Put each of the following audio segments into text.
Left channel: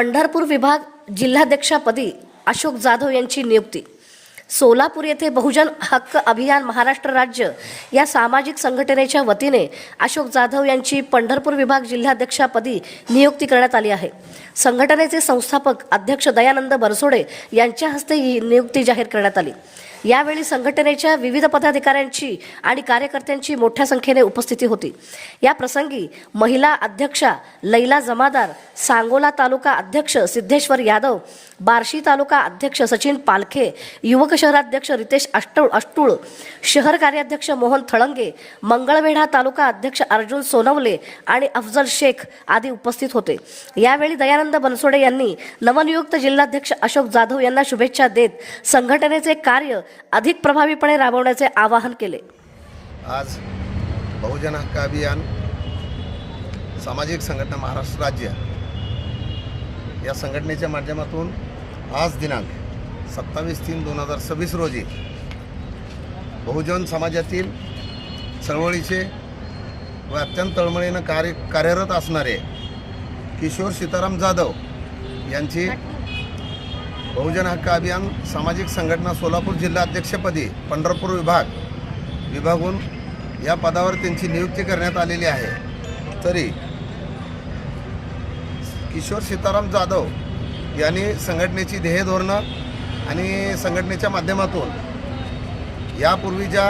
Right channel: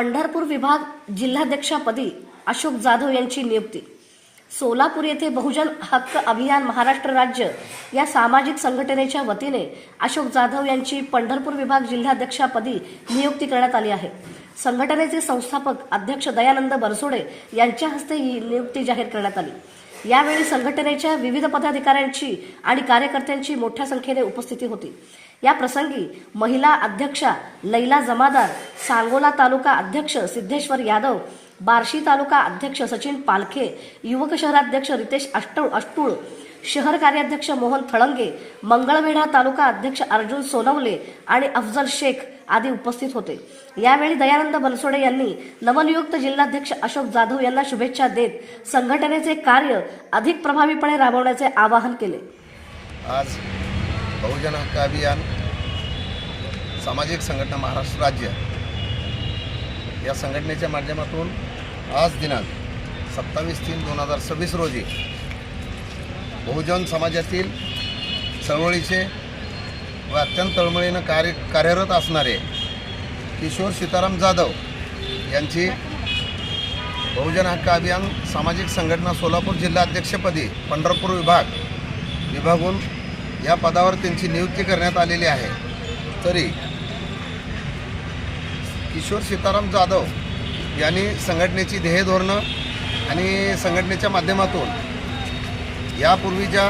पंढरपूर विभाग जिल्हाध्यक्षपदी अशोक जाधव यांची नियुक्ती। सोलापूर येथे बहुजन हक्क अभियान महाराष्ट्र राज्य या सामाजिक संघटनेच्या वतीने अशोक जाधव यांची पंढरपूर विभाग जिल्हाध्यक्षपदी नियुक्ती करण्यात आली आहे। संघटनेचे संस्थापक अध्यक्ष दयानंद बनसोडे यांच्या हस्ते ही नियुक्ती जाहीर करण्यात आली। यावेळी संघटनेच्या विविध पदाधिकाऱ्यांची आणि कार्यकर्त्यांची मोठ्या संख्येने उपस्थिती होती। या प्रसंगी महिला अध्यक्षा लैला जमादार, सांगोला तालुका अध्यक्ष सिद्धेश्वर यादव, बार्शी तालुका अध्यक्ष सचिन पालखे, युवक शहराध्यक्ष रितेश अष्टुळ, शहर कार्याध्यक्ष मोहन थळंगे, मंगळवेढा तालुका अध्यक्ष अर्जुन सोनवले आणि अफजल शेख आदी उपस्थित होते। यावेळी दयानंद बनसोडे यांनी नवनियुक्त जिल्हाध्यक्ष अशोक जाधव यांना शुभेच्छा देत संघटनेचे कार्य अधिक प्रभावीपणे राबवण्याचे आवाहन केले। आज बहुजन हक्क अभियान सामाजिक संघटना महाराष्ट्र राज्य या संघटनेच्या माध्यमातून आज दिनांक 27/3/2026 रोजी बहुजन समाजातील चळवळीचे व अत्यंत तळमळीनं कार्यरत असणारे किशोर सीताराम जाधव यांची बहुजन हक्क अभियान सामाजिक संघटना सोलापूर जिल्हा अध्यक्षपदी पंढरपूर विभागून या पदावर त्यांची नियुक्ती करण्यात आलेली आहे। तरी किशोर सीताराम जाधव यांनी संघटनेची ध्येय धोरणं आणि संघटनेच्या माध्यमातून यापूर्वीच्या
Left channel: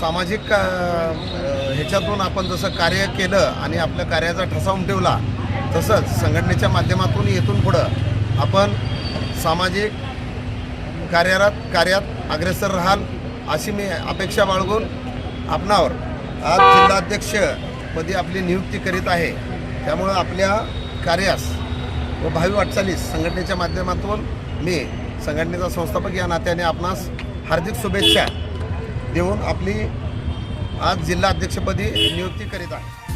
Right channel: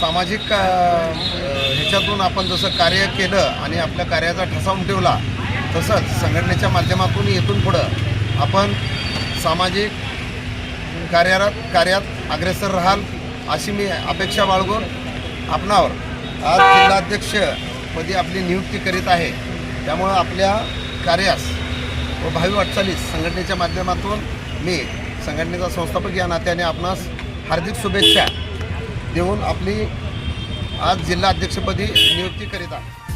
सामाजिक ह्याच्यातून आपण जसं कार्य केलं आणि आपल्या कार्याचा ठसा उमटवला, तसंच संघटनेच्या माध्यमातून येथून पुढं आपण सामाजिक कार्यात अग्रेसर राहाल अशी मी अपेक्षा बाळगून आपणावर आज जिल्हाध्यक्षपदी आपली नियुक्ती करीत आहे। त्यामुळं आपल्या कार्यास व भावी वाटचालीस संघटनेच्या माध्यमातून मी संघटनेचा संस्थापक या नात्याने आपणास हार्दिक शुभेच्छा देऊन आपली आज जिल्हा अध्यक्षपदी नियुक्ती करीत आहे।